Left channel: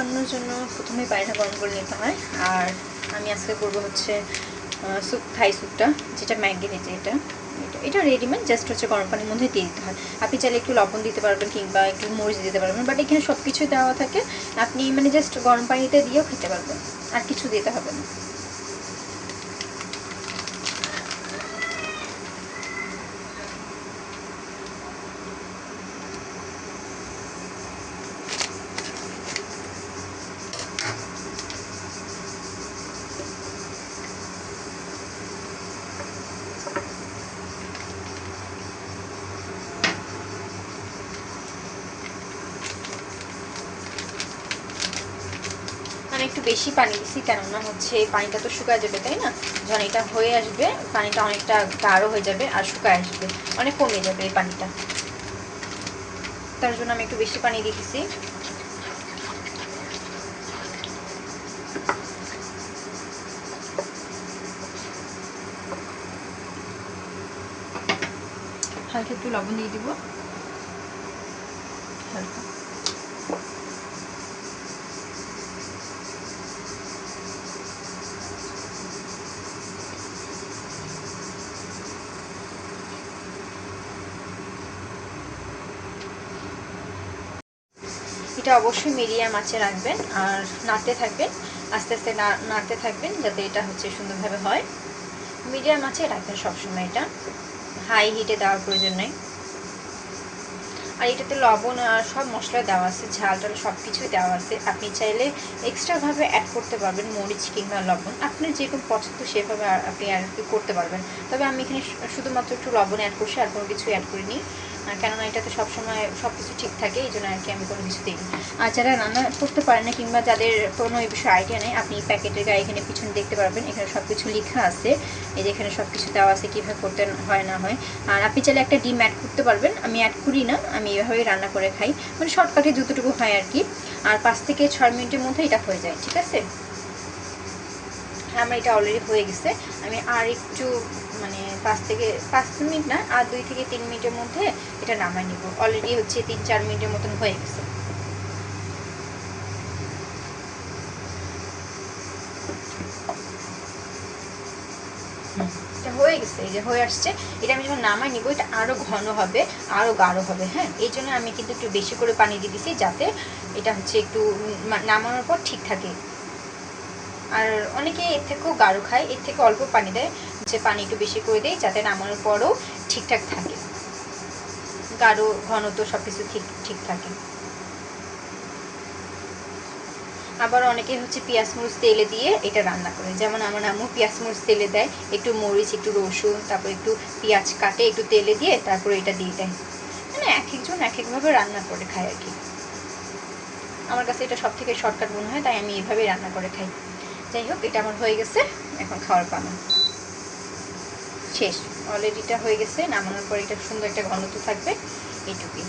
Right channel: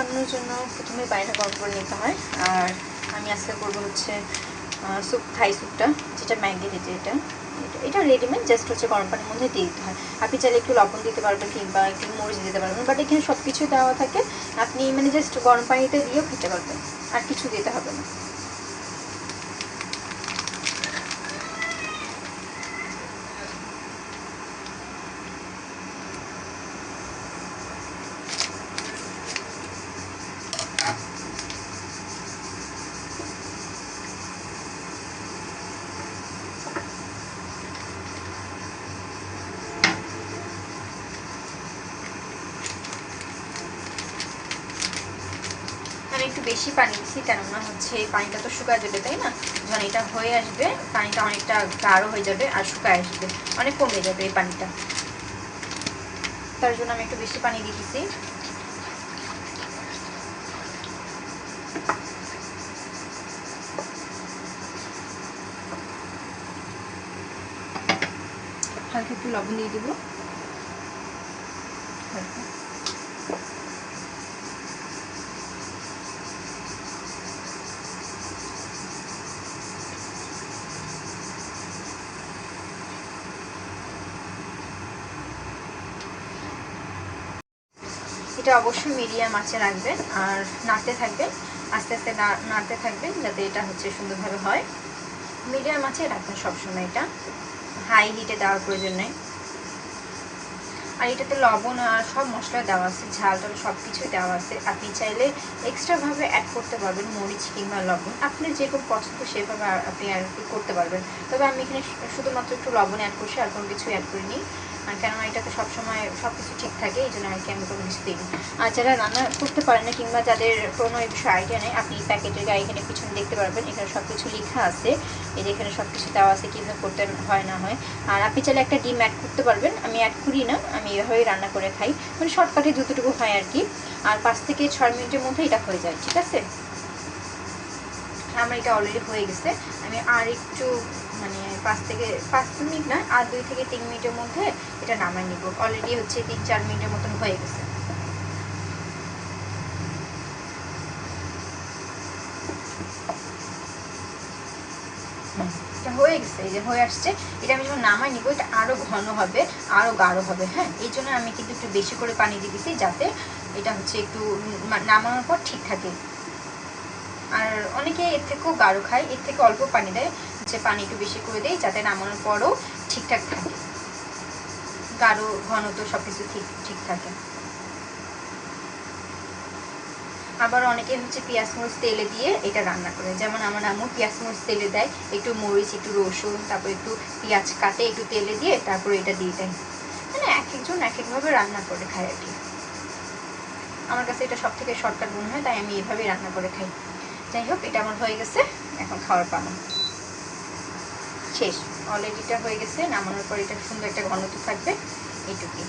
বানানোর জন্য প্রথমে পানিটা গরম করে নিতে হয়। আর আমি আজকে করবো হচ্ছে স্যুপ, থাই স্যুপটা, যেটা ম্যাগি দিতে, এটা রেডিমেড, জাস্ট হচ্ছে গরম পানির মধ্যে দিয়ে দিতে হয়। আপনি চাইলে একটু লবণ দিতে পারবেন কিংবা একটু মরিচ দিতে পারবেন, বাট এখানে সব কিছু দেওয়া থাকে। আপনি মানে জাস্ট গরম পানিতে দিয়েও খেতে পারবেন, আর কিছু দিতে হবে না। আমি একটু বেশি পানি দিচ্ছি, কেননা হচ্ছে পানিটা তো শুকায় যাবে, তাই না? যখন এটা হয়ে আসবে পানিটা অনেকটা গাঢ় হয়ে যাবে আর শুকায় আসবে, অনেক কমে যাবে এই পানিটা। তার জন্য আমি একটু বেশি পানি দিতেছি। হালকা একটু লবণ দিয়ে দিব, হালকা। এটা অবশ্যই মিডিয়াম আঁচে রাখবেন আর নাড়তে থাকবেন, আস্তে আস্তে নাড়তে থাকবেন যাতে এটা হচ্ছে সুন্দরভাবে হয়। মিডিয়াম আঁচে রাখবেন সবসময়, এটা হাই হিটে দেওয়ার প্রয়োজন নেই। আর এটাতে লবণ আর সব মশলা দেওয়া আছে, ঝাল টাল সব কিছুই দেওয়া আছে। আপনি চাইলে এক্সট্রাভাবে অ্যাড করতে পারবেন মরিচ কিংবা লবণ, আপনার যেরকম পছন্দ সেভাবে আপনি আর কি করতে পারবেন। তবে আমি এখানে শুধুমাত্র একটু লবণ অ্যাড করছি, আর কোনো কিছু অ্যাড করিনি, কেননা এটাতে সবসময় সব কিছু ঠিক থাকে, এই জন্য আর কি আমি কোনো কিছু দিইনি। আর যারা রান্না করতে পারে না কিংবা যাদের কোনো এই বিষয়ে আইডিয়া নেই, আপনি প্যাকেটের গায়ে এখানে পিছনে দেখতে পারবেন, এখানে সব কিছু লেখা আছে। এই যে এখানে সব কিছু দেওয়া আছে কীভাবে করতে হয় না হয়। আর আপনি চাইলে একটা ডিম অ্যাড করতে পারবেন, আমি অ্যাড করি না, আমি এভাবেই রান্না করে খাই, মানে শর্টকাটে যতটুকু হয় আর কি। আর 5 থেকে 6 মিনিটের মধ্যে এটা হয়ে যায়, ঠিক আছে? আমার এটা অলরেডি হয়ে গেছে। আমি আর একটু মানে 5 মিনিট না, আর 2 থেকে 3 মিনিটের মধ্যে এটা নামাই নিব। অলরেডি হচ্ছে 3-4 মিনিটের মতন হয়ে গেছে। এটা হয়ে গেছে, এই যে হয়ে আসছে। এটা আমি যখন নামাই নিব এটা আরও ঘন হবে, আরও গাঢ় হবে। হ্যাঁ, এই জন্য আমি কিন্তু একটু বেশি করে পানি দিয়ে দিচ্ছি, যাতে এটা হচ্ছে একটু নামানোর পর ঠিক থাকে। আর অনেকে এর থেকেও গাঢ় খায়, এর থেকে অল্প পানি দেয়, যে পানি একটু বেশি করে দেয় যাতে নামানোর পরও ঠিকঠাক থাকে, গাঢ় ঘন তো সব কিছু ঠিক থাকে। আবার অনেকে হচ্ছে পেঁয়াজ মরিচ তেলে দিয়ে এটা রান্না করে, যেমন আমার আম্মু পেঁয়াজ মরিচ তেলে দেয়, একটু মরিচ, একটু রসুন, তারপর একটু পেঁয়াজ কাটে একটু তেলে দিয়ে তারপরে এটা দিয়ে দেয়। মানে এক একজন এক একভাবে রান্না করে খায় আর কি। আমার কাছে এটা সব থেকে শর্টকাট মনে হয়, তাই আমি এইভাবেই রান্না করে খাই। যাই হোক, এটা আমার হয়ে গেছে, এখন খাওয়ার পালা শেষ। অলরেডি এটা হয়ে গেছে, নামানোর পর এটা সুন্দর একটা ঘনত্ব থাকবে, এইটুকুই।